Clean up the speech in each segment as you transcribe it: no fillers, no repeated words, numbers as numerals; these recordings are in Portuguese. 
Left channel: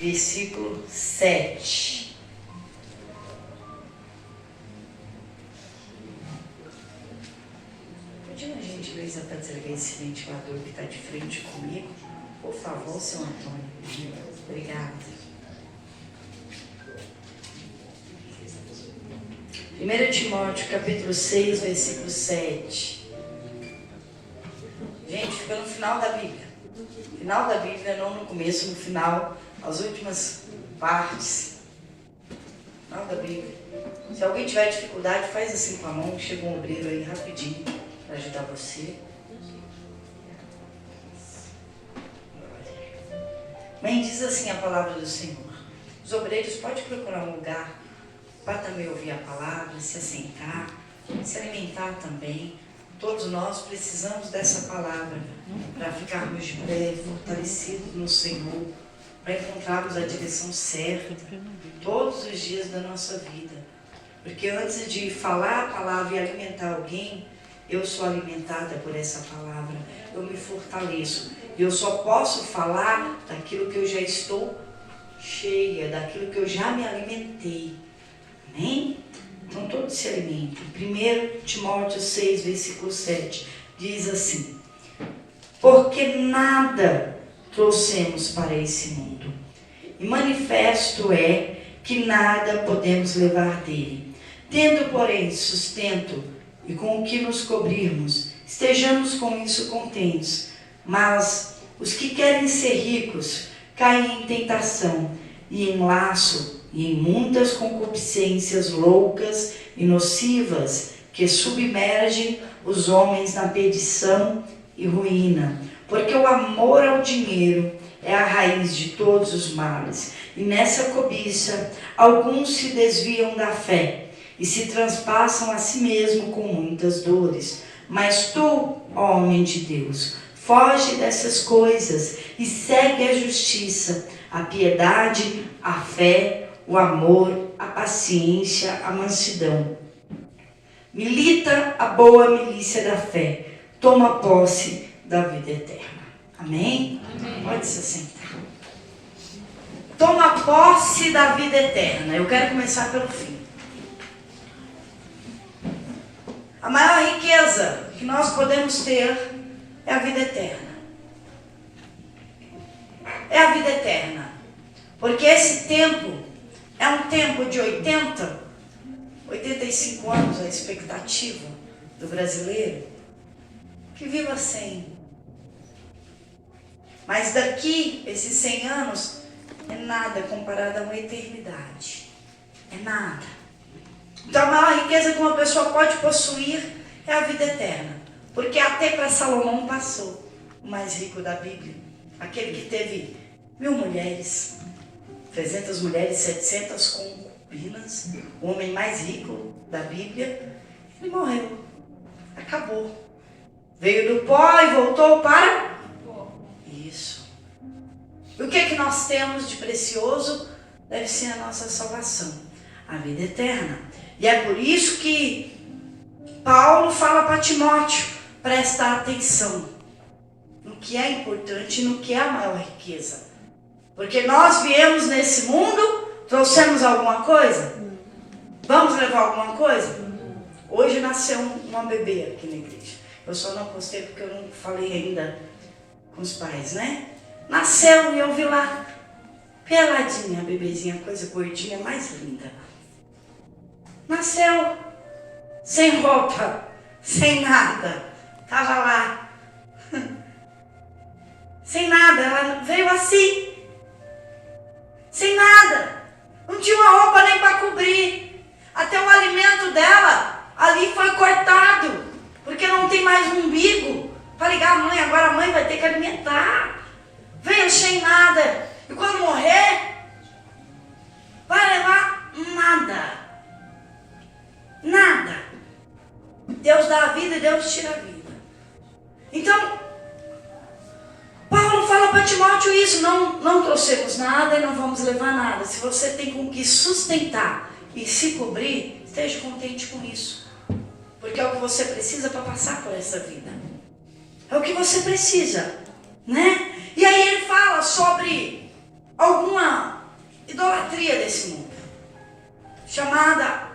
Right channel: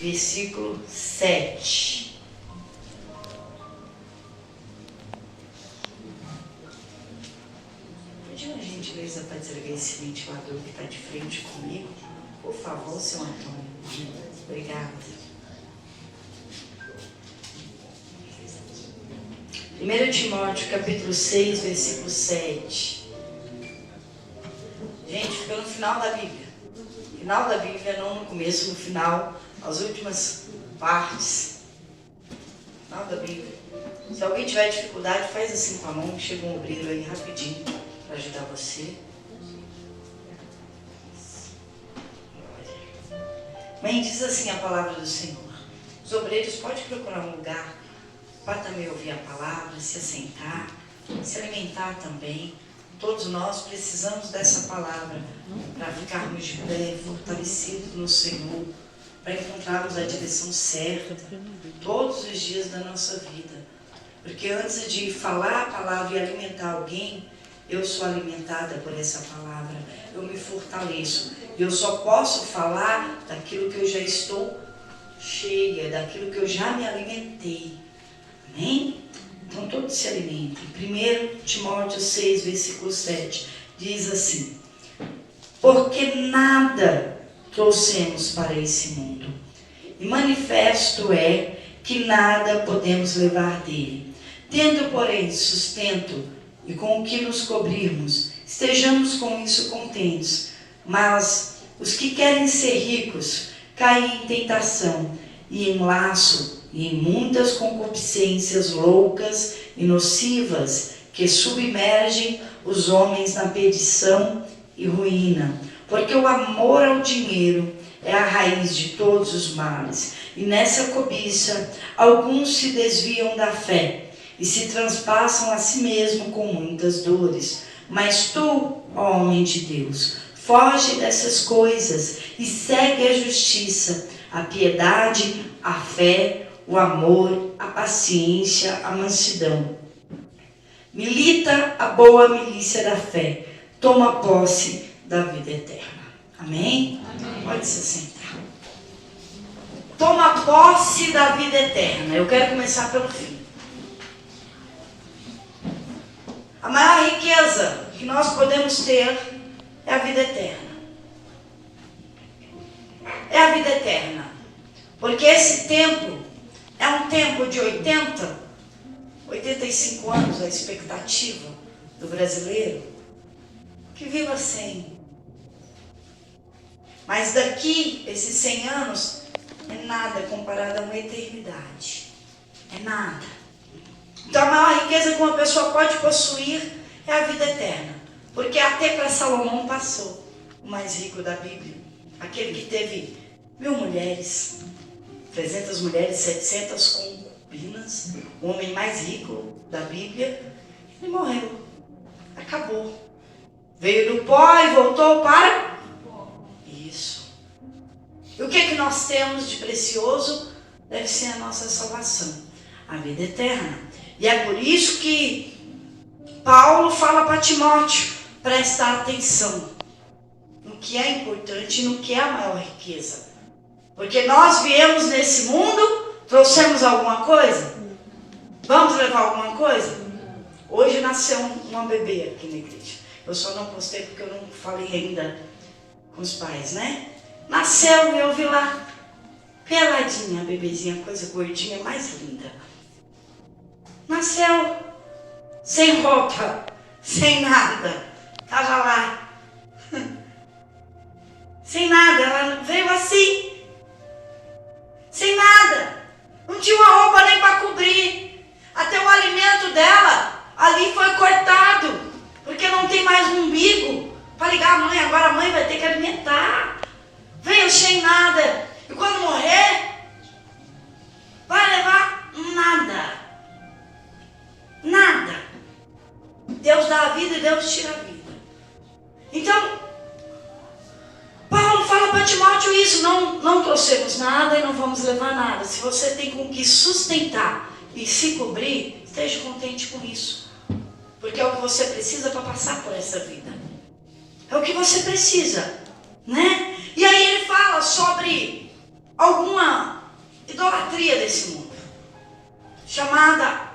versículo 7. Pede uma gentileza para desligar esse ventilador que está de frente comigo. Por favor, seu Antônio. Obrigada. 1 Timóteo, capítulo 6, versículo 7. Gente, fica no final da Bíblia. Final da Bíblia, não no começo, no final, as últimas partes. Final da Bíblia. Se alguém tiver dificuldade, faz assim com a mão, chega um obreiro aí rapidinho para ajudar você. Bem, diz assim a palavra do Senhor. Os obreiros podem procurar um lugar para também ouvir a palavra, se assentar, se alimentar também. Todos nós precisamos dessa palavra para ficarmos de pé, fortalecidos no Senhor, para encontrarmos a direção certa todos os dias da nossa vida. Porque antes de falar a palavra e alimentar alguém, eu sou alimentada por essa palavra, eu me fortaleço. E eu só posso falar daquilo que eu já estou cheia, daquilo que eu já me alimentei. Amém? Então todos se alimentem. 1 Timóteo 6, versículo 7, diz assim: porque nada trouxemos para esse mundo, e manifesto é que nada podemos levar dele. Tendo, porém, sustento e com o que nos cobrirmos, estejamos com isso contentes. Mas os que querem ser ricos caem em tentação e em laço e em muitas concupiscências loucas e nocivas que submergem os homens na perdição e ruína. Porque o amor ao dinheiro é a raiz de todos os males. E nessa cobiça, alguns se desviam da fé e se transpassam a si mesmo com muitas dores. Mas tu, ó homem de Deus, foge dessas coisas e segue a justiça, a piedade, a fé, o amor, a paciência, a mansidão. Milita a boa milícia da fé. Toma posse da vida eterna. Amém? Amém. Pode se sentar. Toma posse da vida eterna. Eu quero começar pelo fim. A maior riqueza que nós podemos ter é a vida eterna. É a vida eterna. Porque esse tempo é um tempo de 85 anos, a expectativa do brasileiro, que viva 100. Mas daqui, esses 100 anos, é nada comparado a uma eternidade. É nada. Então a maior riqueza que uma pessoa pode possuir é a vida eterna. Porque até para Salomão passou, o mais rico da Bíblia. Aquele que teve 1000 mulheres, 300 mulheres, 700 concubinas, o homem mais rico da Bíblia, ele morreu. Acabou. Veio do pó e voltou para isso. E o que é que nós temos de precioso? Deve ser a nossa salvação, a vida eterna. E é por isso que Paulo fala para Timóteo, prestar atenção no que é importante e no que é a maior riqueza. Porque nós viemos nesse mundo, trouxemos alguma coisa? Vamos levar alguma coisa? Hoje nasceu uma bebê aqui na igreja. Eu só não postei porque eu não falei ainda com os pais, né? Nasceu e eu vi lá, peladinha, a bebezinha, coisa gordinha, mais linda. Nasceu sem roupa, sem nada. Estava lá. Sem nada, ela veio assim. Sem nada. Não tinha uma roupa nem para cobrir. Até o alimento dela ali foi cortado. Porque não tem mais um umbigo para ligar a mãe. Agora a mãe vai ter que alimentar. Veio sem nada. E quando morrer, vai levar nada. Nada. Deus dá a vida e Deus tira a vida. Então, Paulo fala para Timóteo isso, não trouxemos nada e não vamos levar nada. Se você tem com que sustentar e se cobrir, esteja contente com isso. Porque é o que você precisa para passar por essa vida. É o que você precisa, né? E aí ele fala sobre alguma idolatria desse mundo, chamada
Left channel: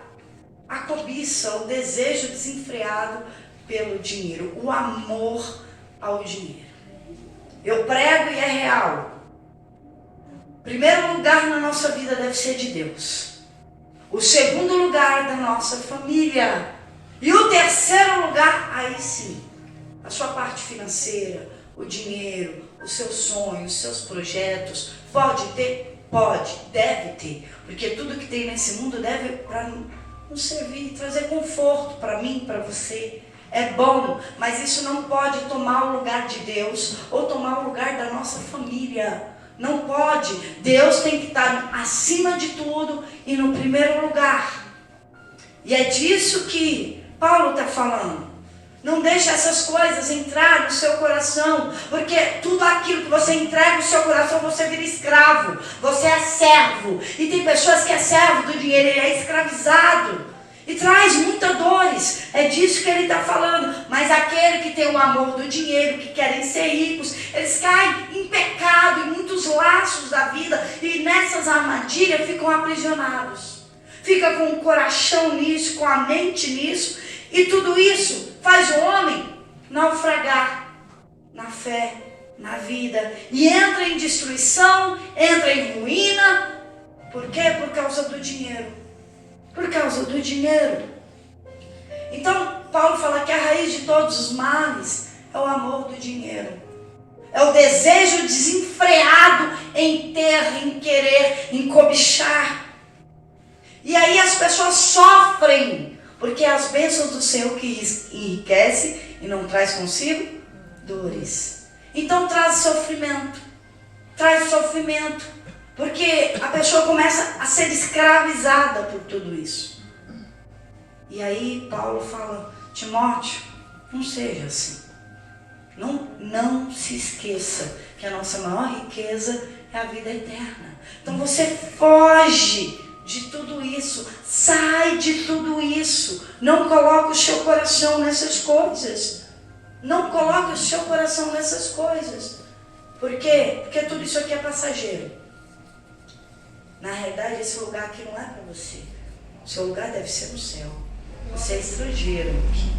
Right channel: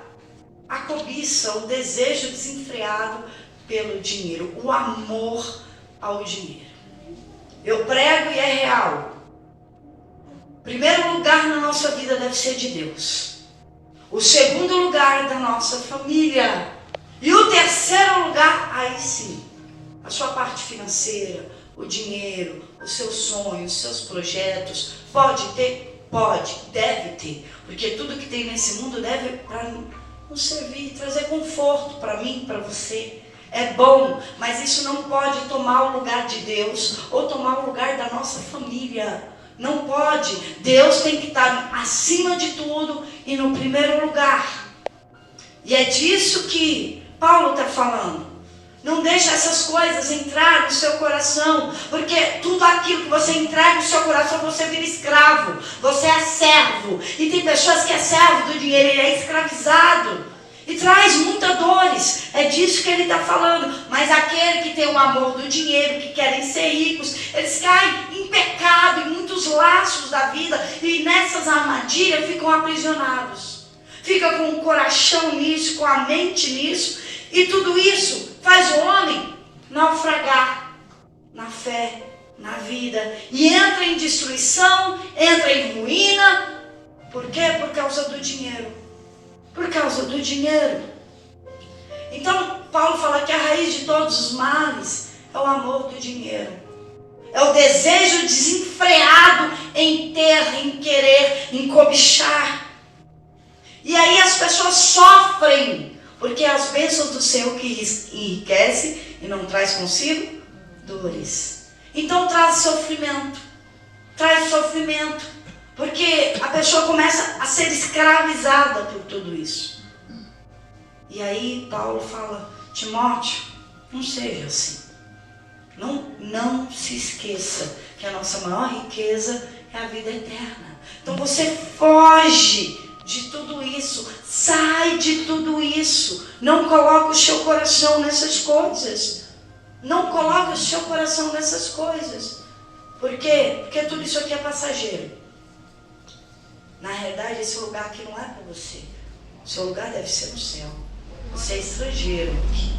a cobiça, o desejo desenfreado pelo dinheiro, o amor ao dinheiro. Eu prego e é real. O primeiro lugar na nossa vida deve ser de Deus. O segundo lugar da nossa família. E o terceiro lugar, aí sim, a sua parte financeira, o dinheiro, os seus sonhos, os seus projetos. Pode ter? Pode, deve ter. Porque tudo que tem nesse mundo deve para nos servir, trazer conforto para mim, para você. É bom, mas isso não pode tomar o lugar de Deus ou tomar o lugar da nossa família. Não pode. Deus tem que estar acima de tudo e no primeiro lugar. E é disso que Paulo está falando. Não deixe essas coisas entrar no seu coração, porque tudo aquilo que você entrega no seu coração, você vira escravo, você é servo. E tem pessoas que é servo do dinheiro, ele é escravizado. E traz muitas dores, é disso que ele está falando. Mas aquele que tem o amor do dinheiro, que querem ser ricos, eles caem em pecado, em muitos laços da vida, e nessas armadilhas ficam aprisionados. Fica com o coração nisso, com a mente nisso, e tudo isso faz o homem naufragar na fé, na vida, e entra em destruição, entra em ruína. Por quê? Por causa do dinheiro. Por causa do dinheiro. Então, Paulo fala que a raiz de todos os males é o amor do dinheiro. É o desejo desenfreado em ter, em querer, em cobiçar. E aí as pessoas sofrem, porque as bênçãos do Senhor que enriquece e não traz consigo dores. Então traz sofrimento. Traz sofrimento. Porque a pessoa começa a ser escravizada por tudo isso. E aí Paulo fala, Timóteo, não seja assim. Não se esqueça que a nossa maior riqueza é a vida eterna. Então você foge de tudo isso. Sai de tudo isso. Não coloque o seu coração nessas coisas. Não coloque o seu coração nessas coisas. Por quê? Porque tudo isso aqui é passageiro. Na realidade, esse lugar aqui não é para você. O seu lugar deve ser no céu. Você é estrangeiro aqui.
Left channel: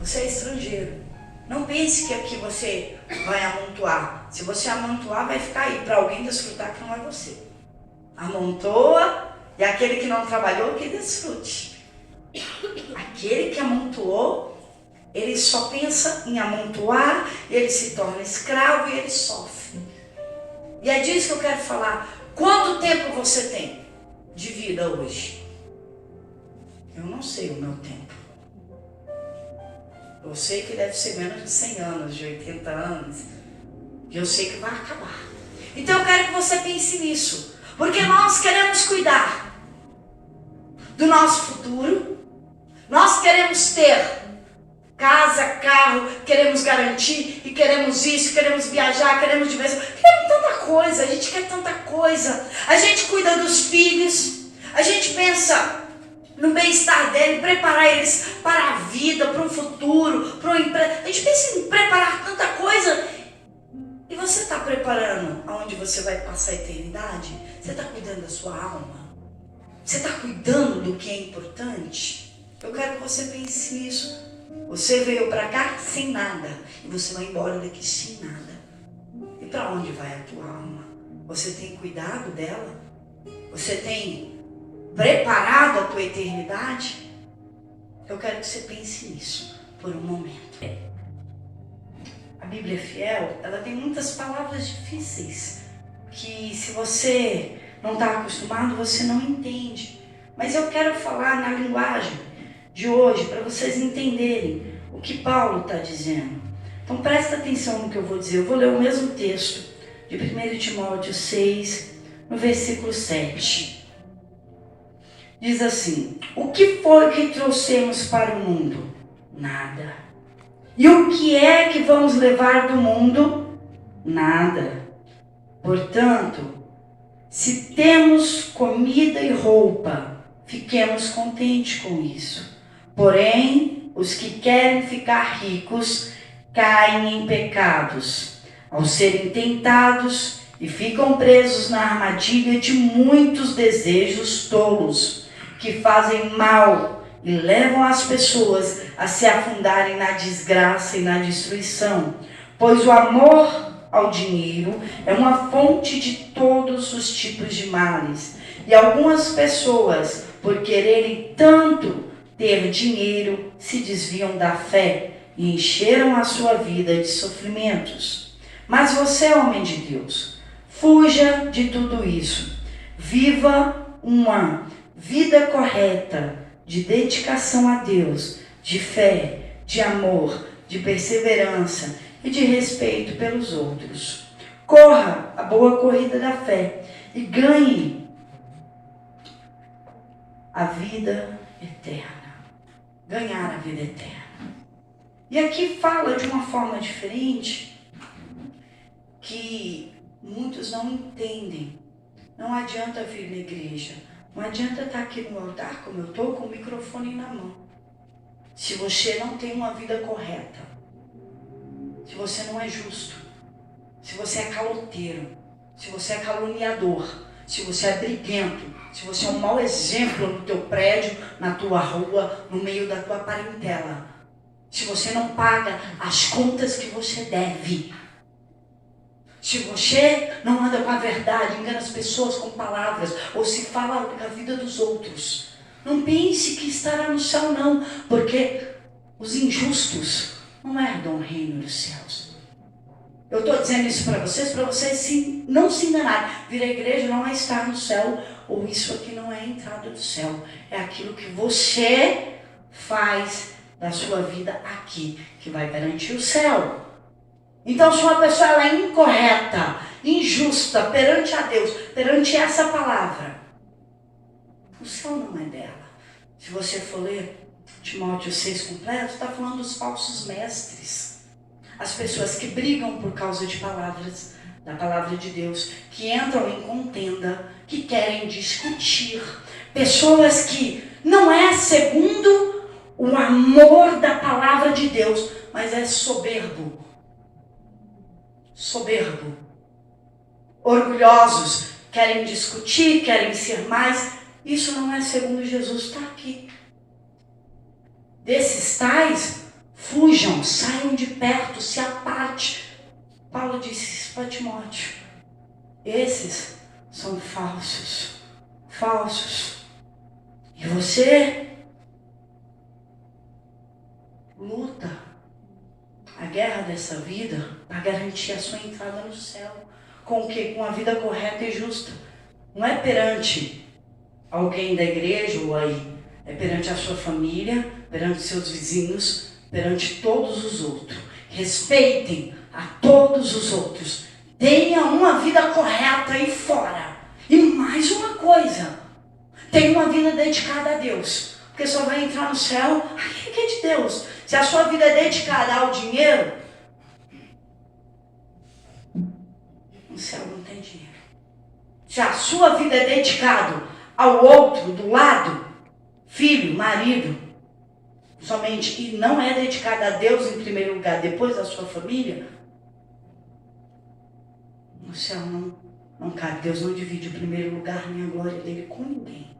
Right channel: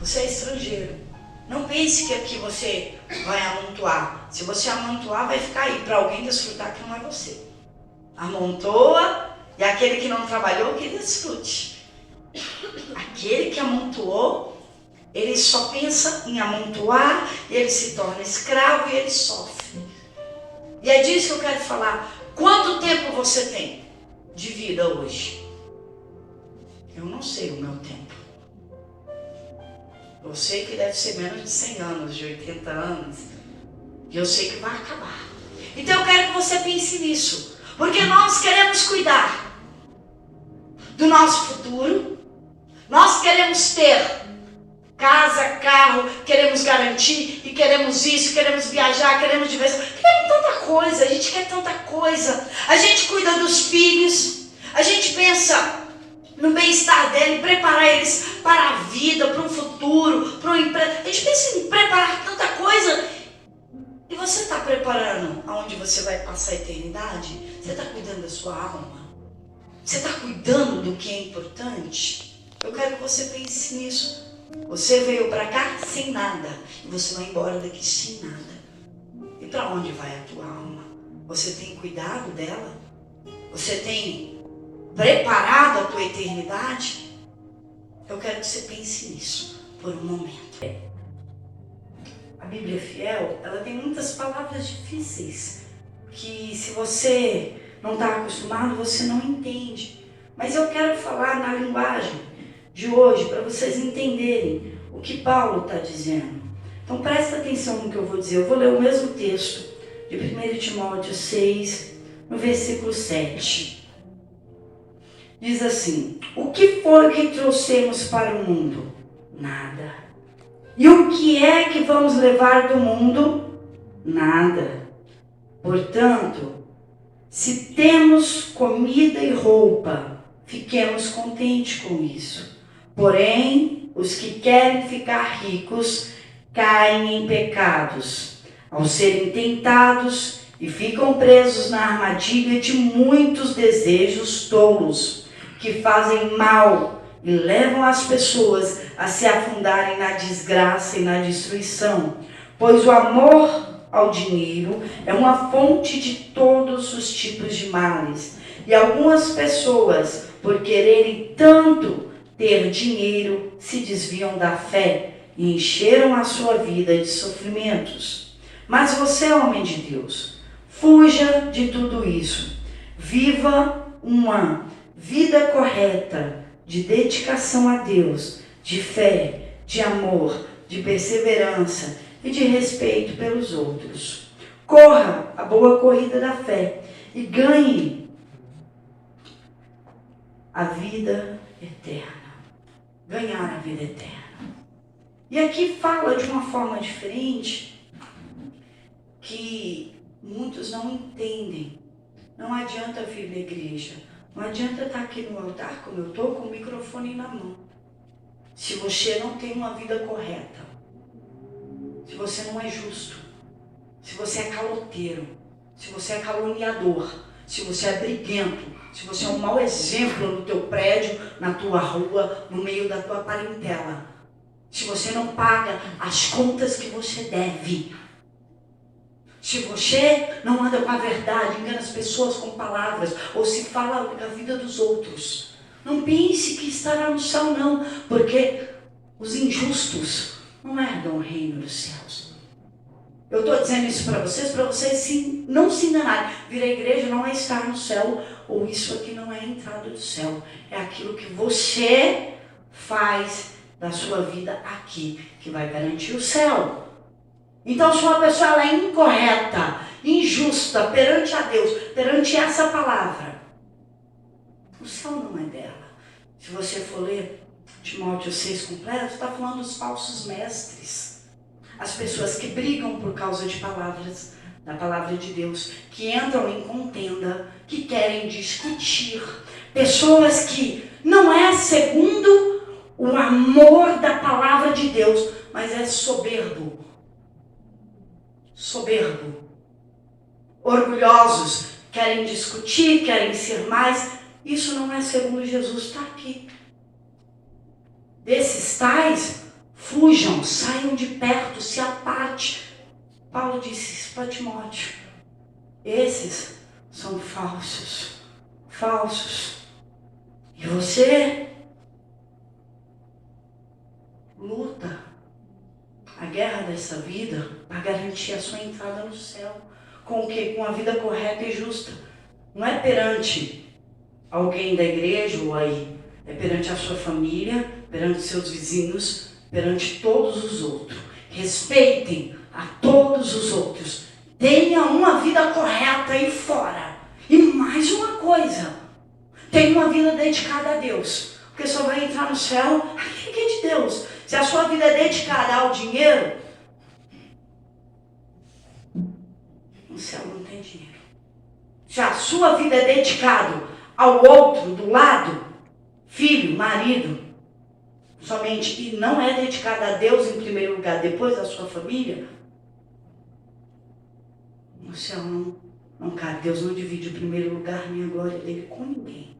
Você é estrangeiro. Não pense que aqui você vai amontoar. Se você amontoar, vai ficar aí para alguém desfrutar que não é você. Amontoa e aquele que não trabalhou, que desfrute. Aquele que amontoou, ele só pensa em amontoar, e ele se torna escravo e ele sofre. E é disso que eu quero falar. Quanto tempo você tem de vida hoje? Eu não sei o meu tempo. Eu sei que deve ser menos de 100 anos, de 80 anos. E eu sei que vai acabar. Então eu quero que você pense nisso. Porque nós queremos cuidar do nosso futuro. Nós queremos ter casa, carro, queremos garantir, e queremos isso, queremos viajar, queremos diversão. Queremos tanta coisa, a gente quer tanta coisa. A gente cuida dos filhos, a gente pensa no bem-estar deles, preparar eles para a vida, para um futuro, para um emprego. A gente pensa em preparar tanta coisa. E você está preparando aonde você vai passar a eternidade? Você está cuidando da sua alma? Você está cuidando do que é importante? Eu quero que você pense nisso. Você veio para cá sem nada, e você vai embora daqui sem nada. E para onde vai a tua alma? Você tem cuidado dela? Você tem preparado a tua eternidade? Eu quero que você pense nisso por um momento. A Bíblia é fiel, ela tem muitas palavras difíceis, que se você não está acostumado, você não entende. Mas eu quero falar na linguagem de hoje, para vocês entenderem o que Paulo está dizendo. Então presta atenção no que eu vou dizer. Eu vou ler o mesmo texto de 1 Timóteo 6, no versículo 7. Diz assim: o que foi que trouxemos para o mundo? Nada. E o que é que vamos levar do mundo? Nada. Portanto, se temos comida e roupa, fiquemos contentes com isso. Porém, os que querem ficar ricos caem em pecados, ao serem tentados e ficam presos na armadilha de muitos desejos tolos, que fazem mal e levam as pessoas a se afundarem na desgraça e na destruição, pois o amor ao dinheiro é uma fonte de todos os tipos de males. E algumas pessoas, por quererem tanto ter dinheiro, se desviam da fé e encheram a sua vida de sofrimentos. Mas você, homem de Deus, fuja de tudo isso. Viva uma vida correta, de dedicação a Deus, de fé, de amor, de perseverança e de respeito pelos outros. Corra a boa corrida da fé e ganhe a vida eterna. Ganhar a vida eterna. E aqui fala de uma forma diferente que muitos não entendem. Não adianta vir na igreja, não adianta estar aqui no altar como eu estou, com o microfone na mão, se você não tem uma vida correta, se você não é justo, se você é caloteiro, se você é caluniador, se você é briguento, se você é um mau exemplo no teu prédio, na tua rua, no meio da tua parentela, se você não paga as contas que você deve, se você não anda com a verdade, engana as pessoas com palavras, ou se fala da vida dos outros, não pense que estará no céu não, porque os injustos não herdam o reino dos céus. Eu estou dizendo isso para vocês não se enganarem. Vir à igreja não é estar no céu, ou isso aqui não é a entrada do céu. É aquilo que você faz da sua vida aqui, que vai garantir o céu. Então, se uma pessoa ela é incorreta, injusta perante a Deus, perante essa palavra, o céu não é dela. Se você for ler Timóteo 6 completo, está falando dos falsos mestres. As pessoas que brigam por causa de palavras, da palavra de Deus, que entram em contenda, que querem discutir. Pessoas que não é segundo o amor da palavra de Deus, mas é soberbo. Orgulhosos, querem discutir, querem ser mais. Isso não é segundo Jesus, está aqui. Desses tais, fujam, saiam de perto, se aparte. Paulo disse isso para Timóteo. Esses são falsos. E você luta a guerra dessa vida para garantir a sua entrada no céu. Com o quê? Com a vida correta e justa. Não é perante alguém da igreja ou aí. É perante a sua família, perante seus vizinhos, perante todos os outros. Respeitem a todos os outros. Tenha uma vida correta aí fora. E mais uma coisa. Tenha uma vida dedicada a Deus. Porque só vai entrar no céu aquele que é de Deus. Se a sua vida é dedicada ao dinheiro, no céu não tem dinheiro. Se a sua vida é dedicada ao outro do lado, filho, marido, somente, e não é dedicada a Deus em primeiro lugar, depois da sua família, no céu não cabe. Deus não divide o primeiro lugar nem a glória dele com ninguém.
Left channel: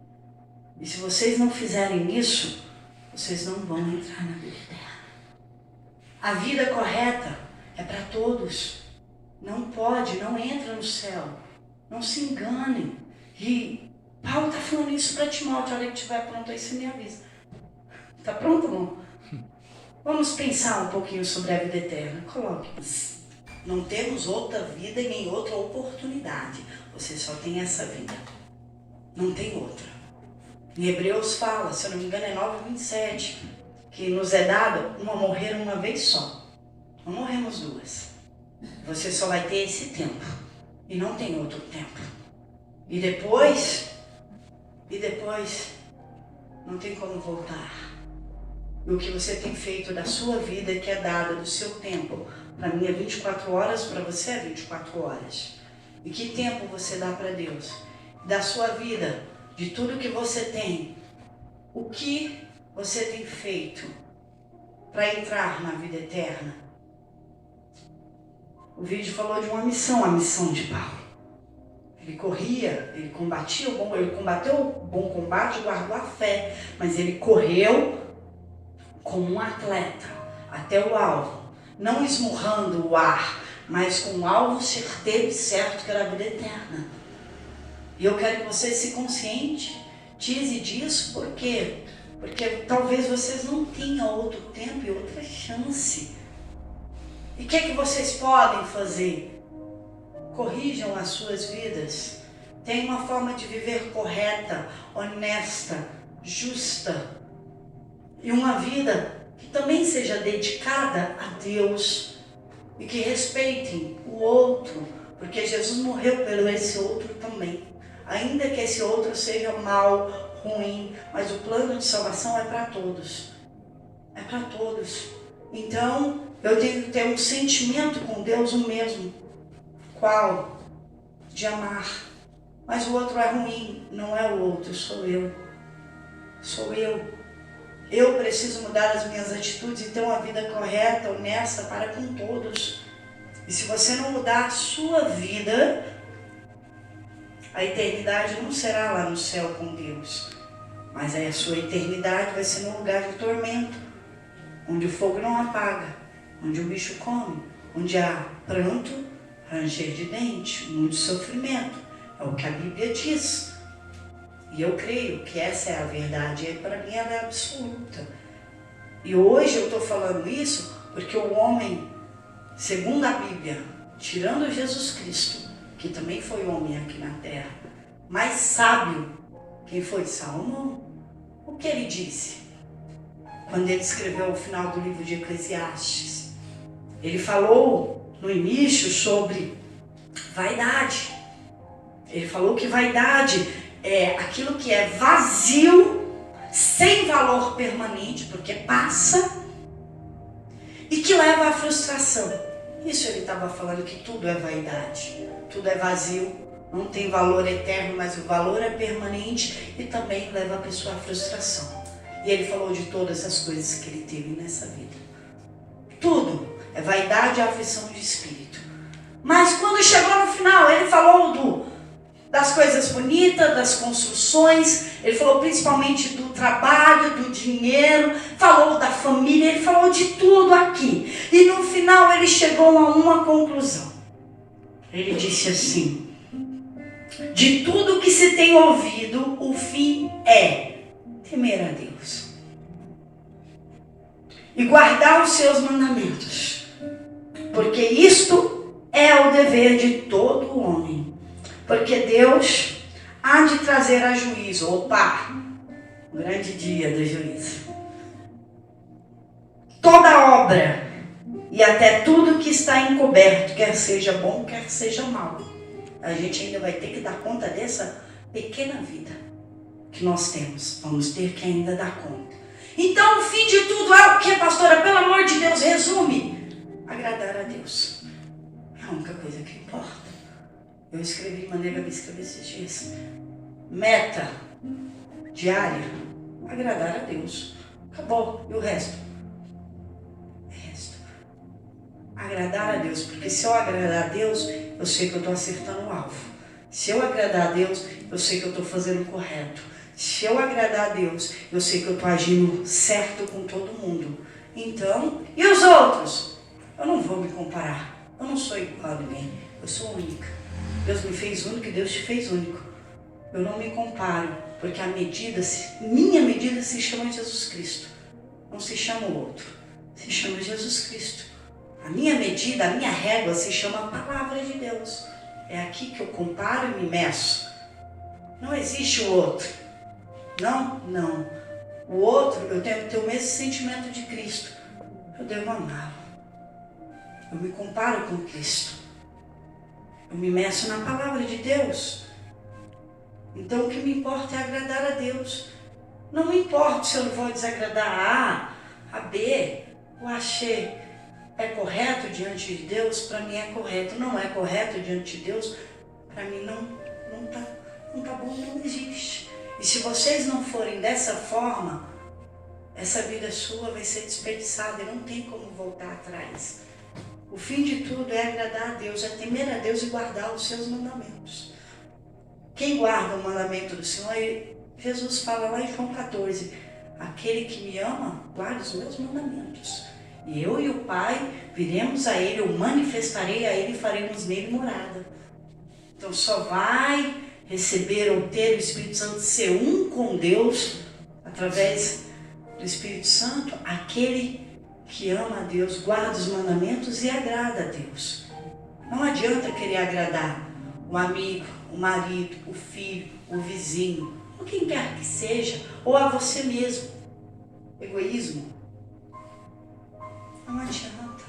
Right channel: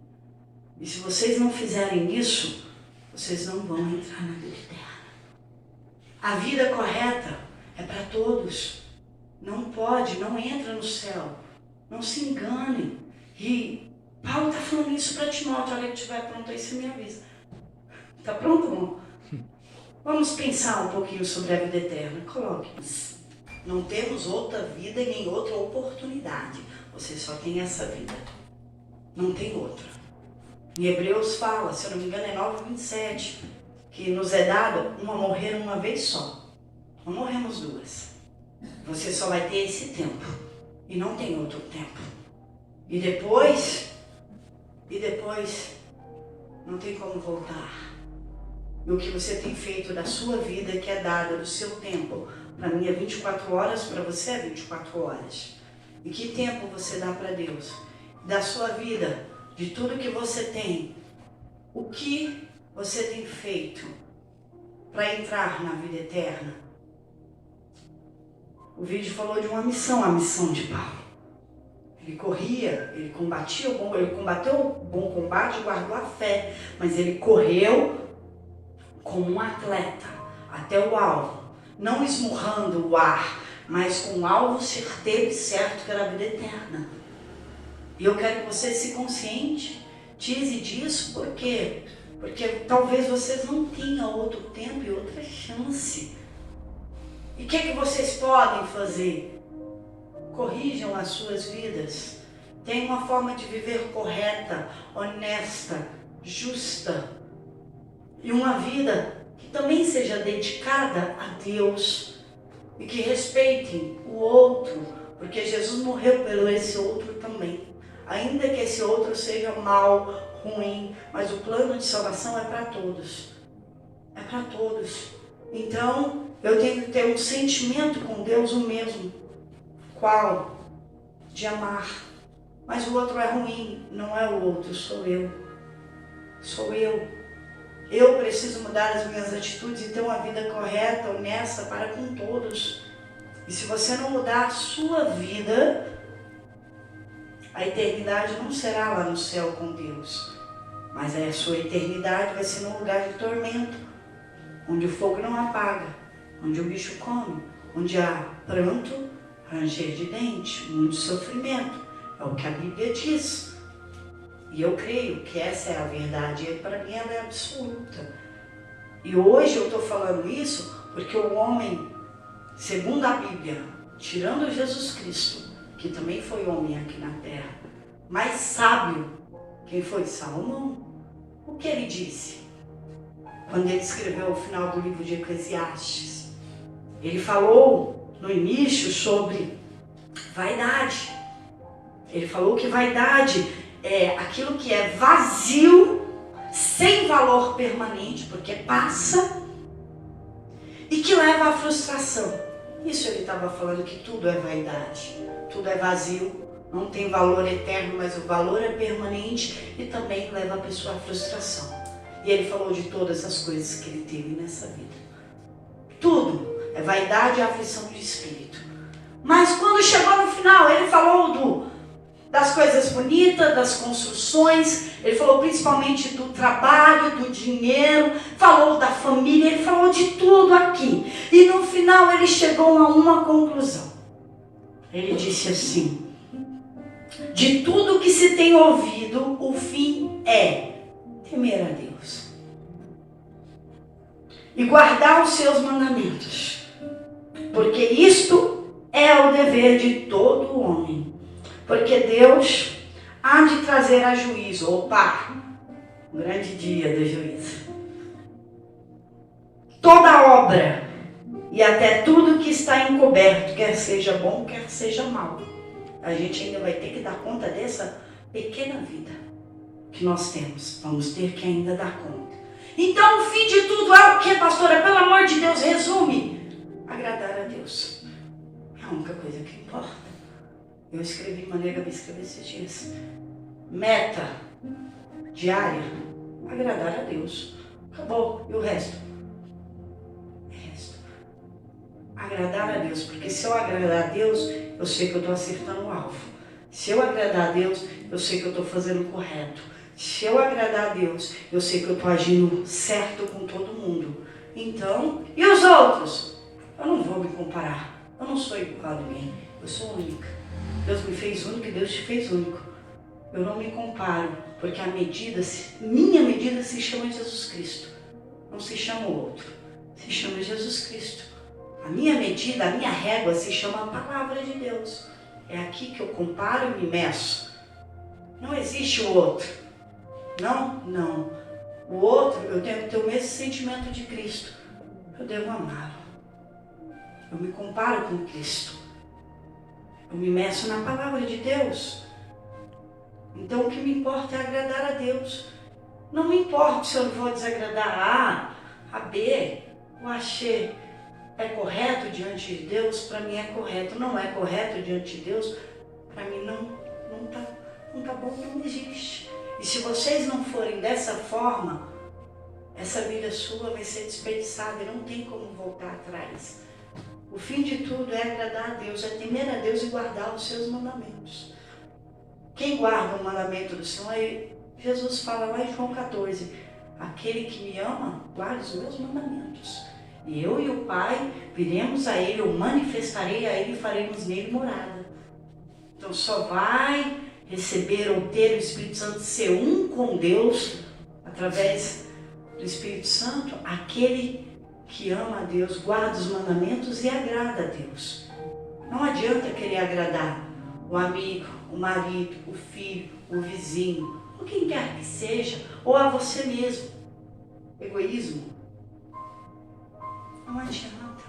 E se vocês não fizerem isso, vocês não vão entrar na vida eterna. A vida correta é para todos. Não pode, não entra no céu. Não se enganem. E Paulo está falando isso para Timóteo. Olha que estiver pronto aí, você me avisa. Está pronto, irmão? Vamos pensar um pouquinho sobre a vida eterna. Coloque. Não temos outra vida e nem outra oportunidade. Você só tem essa vida. Não tem outra. Em Hebreus fala, se eu não me engano é 9:27, que nos é dado morrer uma vez só. Não morremos duas. Você só vai ter esse tempo. E não tem outro tempo. E depois não tem como voltar. E o que você tem feito da sua vida, que é dada do seu tempo, para mim é 24 horas, para você é 24 horas. E que tempo você dá para Deus? Da sua vida, de tudo que você tem, o que você tem feito para entrar na vida eterna? O vídeo falou de uma missão, a missão de Paulo. Ele corria, ele combateu o bom combate e guardou a fé. Mas ele correu como um atleta até o alvo. Não esmurrando o ar, mas com um alvo certeiro e certo, que era a vida eterna. E eu quero que você se conscientize disso, por quê? Porque talvez vocês não tenham outro tempo e outra chance. E o que vocês podem fazer? Corrijam as suas vidas. Tenham uma forma de viver correta, honesta, justa. E uma vida que também seja dedicada a Deus. E que respeitem o outro. Porque Jesus morreu pelo esse outro também. Ainda que esse outro seja mal, ruim, mas o plano de salvação é para todos. É para todos. Então, eu tenho que ter um sentimento com Deus o mesmo. Qual? De amar. Mas o outro é ruim, não é o outro, sou eu. Sou eu. Eu preciso mudar as minhas atitudes e ter uma vida correta, honesta para com todos. E se você não mudar a sua vida, a eternidade não será lá no céu com Deus. Mas aí a sua eternidade vai ser num lugar de tormento, onde o fogo não apaga, onde o bicho come, onde há pranto, ranger de dente, muito sofrimento. É o que a Bíblia diz. E eu creio que essa é a verdade. E para mim ela é absoluta. E hoje eu estou falando isso porque o homem, segundo a Bíblia, tirando Jesus Cristo, que também foi homem aqui na terra, mais sábio, quem foi? Salomão. O que ele disse? Quando ele escreveu o final do livro de Eclesiastes. Ele falou no início sobre vaidade. Ele falou que vaidade é aquilo que é vazio, sem valor permanente, porque passa, e que leva à frustração. Isso ele estava falando, que tudo é vaidade, tudo é vazio, não tem valor eterno, mas o valor é permanente e também leva a pessoa à frustração. E ele falou de todas as coisas que ele teve nessa vida. Tudo é vaidade e aflição de espírito. Mas quando chegou no final, ele falou das coisas bonitas, das construções, ele falou principalmente do trabalho, do dinheiro, falou da família, ele falou de tudo aqui. E no final ele chegou a uma conclusão. Ele disse assim: de tudo que se tem ouvido, o fim é temer a Deus e guardar os seus mandamentos, porque isto é o dever de todo homem, porque Deus há de trazer a juízo, opa, o grande dia do juízo, toda obra e até tudo que está encoberto, quer seja bom, quer seja mal. A gente ainda vai ter que dar conta dessa pequena vida que nós temos. Vamos ter que ainda dar conta. Então o fim de tudo é o que, pastora? Pelo amor de Deus, resume: agradar a Deus. É a única coisa que importa. Eu escrevi, mandei a escrever esses dias. Meta diária: agradar a Deus. Acabou. E o resto? Agradar a Deus. Porque se eu agradar a Deus, eu sei que eu estou acertando o alvo. Se eu agradar a Deus, eu sei que eu estou fazendo o correto. Se eu agradar a Deus, eu sei que eu estou agindo certo com todo mundo. Então, e os outros? Eu não vou me comparar. Eu não sou igual a ninguém. Eu sou única. Deus me fez único e Deus te fez único. Eu não me comparo, porque minha medida se chama Jesus Cristo. Não se chama o outro. Se chama Jesus Cristo. A minha medida, a minha régua se chama a palavra de Deus. É aqui que eu comparo e me meço. Não existe o outro. Não. O outro, eu tenho que ter o mesmo sentimento de Cristo. Eu devo amá-lo. Eu me comparo com Cristo. Eu me meço na palavra de Deus. Então o que me importa é agradar a Deus. Não me importa se eu vou desagradar a A, a B, o Axê. É correto diante de Deus? Para mim é correto. Não é correto diante de Deus? Para mim não tá bom, não existe. E se vocês não forem dessa forma, essa vida sua vai ser desperdiçada e não tem como voltar atrás. O fim de tudo é agradar a Deus, é temer a Deus e guardar os seus mandamentos. Quem guarda o mandamento do Senhor, Jesus fala lá em João 14, aquele que me ama, guarda os meus mandamentos. E eu e o Pai viremos a Ele, eu manifestarei a Ele e faremos nele morada. Então só vai receber ou ter o Espírito Santo, ser um com Deus, através do Espírito Santo, aquele que ama a Deus, guarda os mandamentos e agrada a Deus. Não adianta querer agradar o amigo, o marido, o filho, o vizinho, ou quem quer que seja, ou a você mesmo. Egoísmo. Não adianta.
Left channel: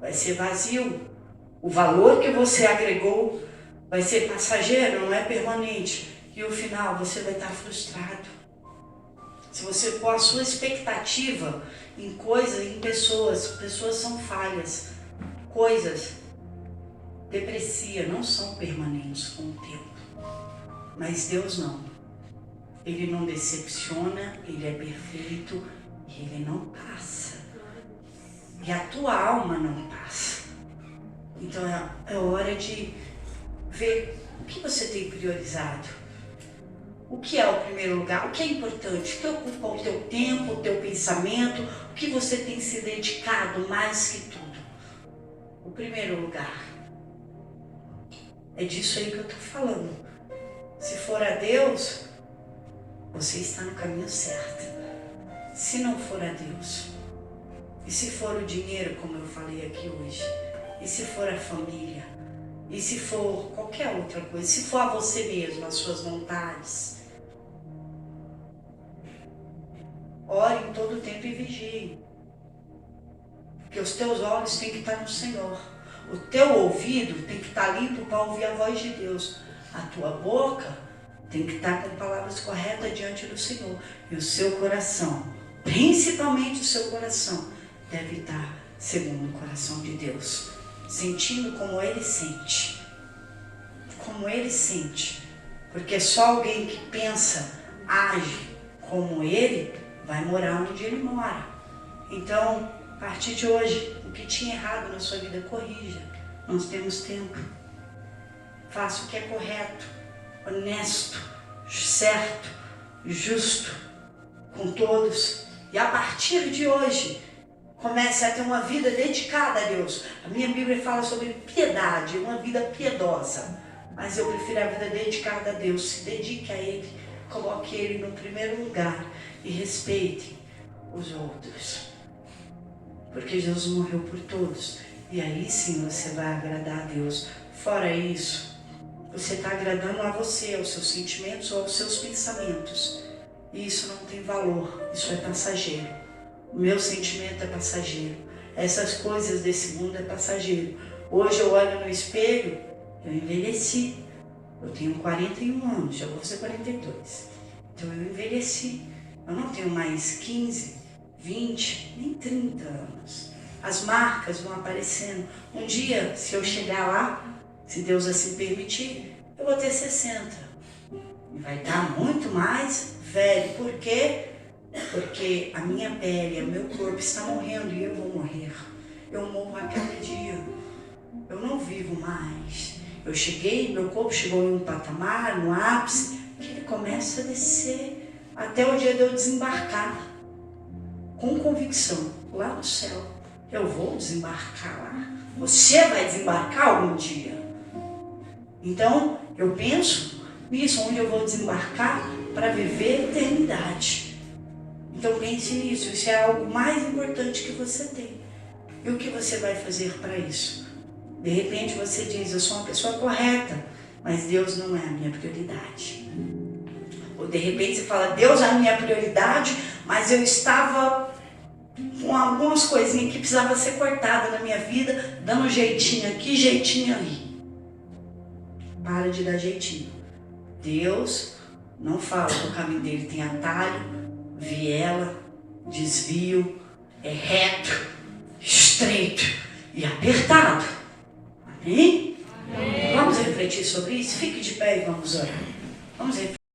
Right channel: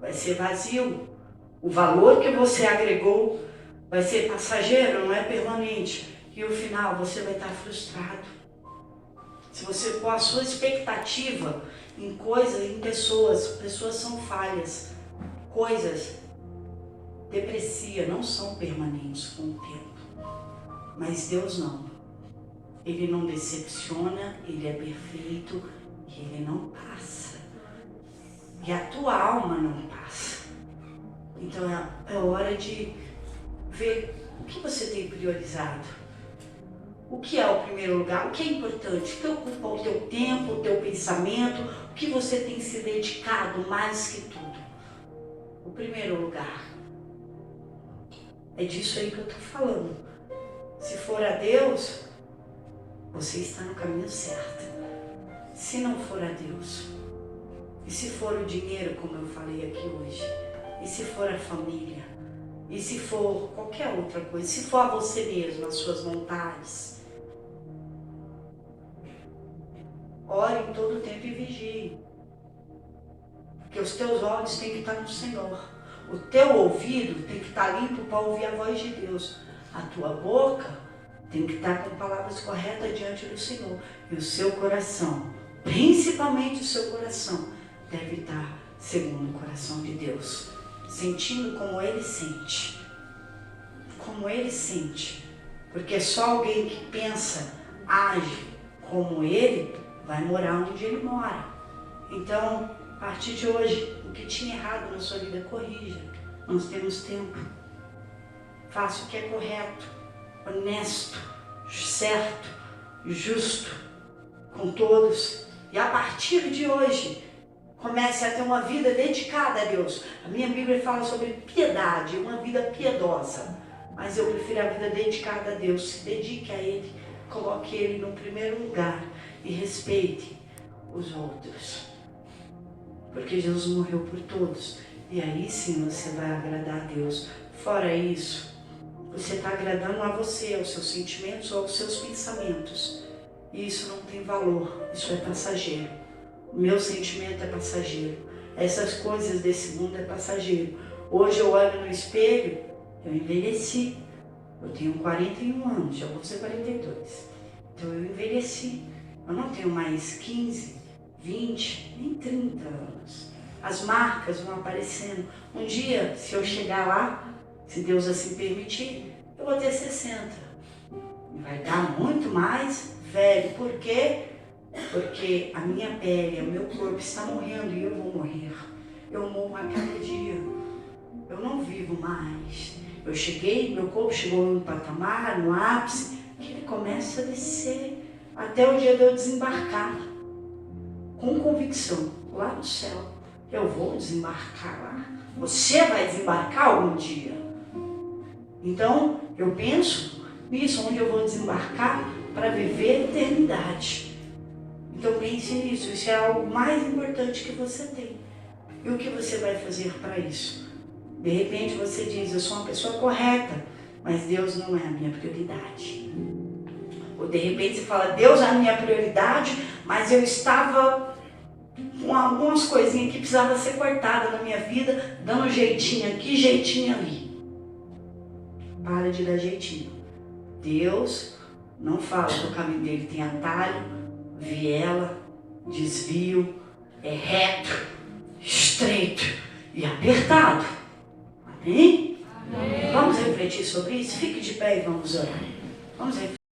Vai ser vazio. O valor que você agregou vai ser passageiro, não é permanente. E no final você vai estar frustrado. Se você pôr a sua expectativa em coisas, em pessoas são falhas. Coisas depreciam, não são permanentes com o tempo. Mas Deus não. Ele não decepciona, Ele é perfeito e Ele não passa. E a tua alma não passa. Então é hora de ver o que você tem priorizado. O que é o primeiro lugar? O que é importante? O que ocupa o teu tempo, o teu pensamento? O que você tem se dedicado mais que tudo? O primeiro lugar. É disso aí que eu estou falando. Se for a Deus, você está no caminho certo. Se não for a Deus, e se for o dinheiro, como eu falei aqui hoje, e se for a família, e se for qualquer outra coisa, se for a você mesmo, as suas vontades, ore em todo o tempo e vigie. Porque os teus olhos têm que estar no Senhor. O teu ouvido tem que estar limpo para ouvir a voz de Deus. A tua boca tem que estar com palavras corretas diante do Senhor. E o seu coração, principalmente o seu coração, deve estar segundo o coração de Deus. Sentindo como Ele sente. Como Ele sente. Porque só alguém que pensa, age como Ele, vai morar onde Ele mora. Então, a partir de hoje, o que tinha errado na sua vida, corrija. Nós temos tempo. Faça o que é correto, honesto, certo, justo com todos. E a partir de hoje, comece a ter uma vida dedicada a Deus. A minha Bíblia fala sobre piedade, uma vida piedosa. Mas eu prefiro a vida dedicada a Deus. Se dedique a Ele, coloque Ele no primeiro lugar e respeite os outros. Porque Jesus morreu por todos. E aí sim você vai agradar a Deus. Fora isso, você está agradando a você, aos seus sentimentos ou aos seus pensamentos. E isso não tem valor, isso é passageiro. O meu sentimento é passageiro. Essas coisas desse mundo é passageiro. Hoje eu olho no espelho, eu envelheci. Eu tenho 41 anos, já vou fazer 42. Então eu envelheci. Eu não tenho mais 15, 20, nem 30 anos. As marcas vão aparecendo. Um dia, se eu chegar lá, se Deus assim permitir, eu vou ter 60. E vai estar muito mais velho. Por quê? Porque a minha pele, o meu corpo está morrendo e eu vou morrer. Eu morro a cada dia. Eu não vivo mais. Eu cheguei, meu corpo chegou em um patamar, no ápice, que ele começa a descer até o dia de eu desembarcar. Com convicção, lá no céu. Eu vou desembarcar lá. Você vai desembarcar algum dia. Então, eu penso nisso, onde eu vou desembarcar para viver a eternidade. Então pense nisso, isso é algo mais importante que você tem. E o que você vai fazer para isso? De repente você diz, eu sou uma pessoa correta, mas Deus não é a minha prioridade. Ou de repente você fala, Deus é a minha prioridade, mas eu estava com algumas coisinhas que precisavam ser cortadas na minha vida, dando jeitinho aqui, jeitinho ali. Para de dar jeitinho. Deus não fala que o caminho dele tem atalho, viela, desvio, é reto, estreito e apertado. Amém? Amém. Vamos refletir sobre isso? Fique de pé e vamos orar. Vamos refletir.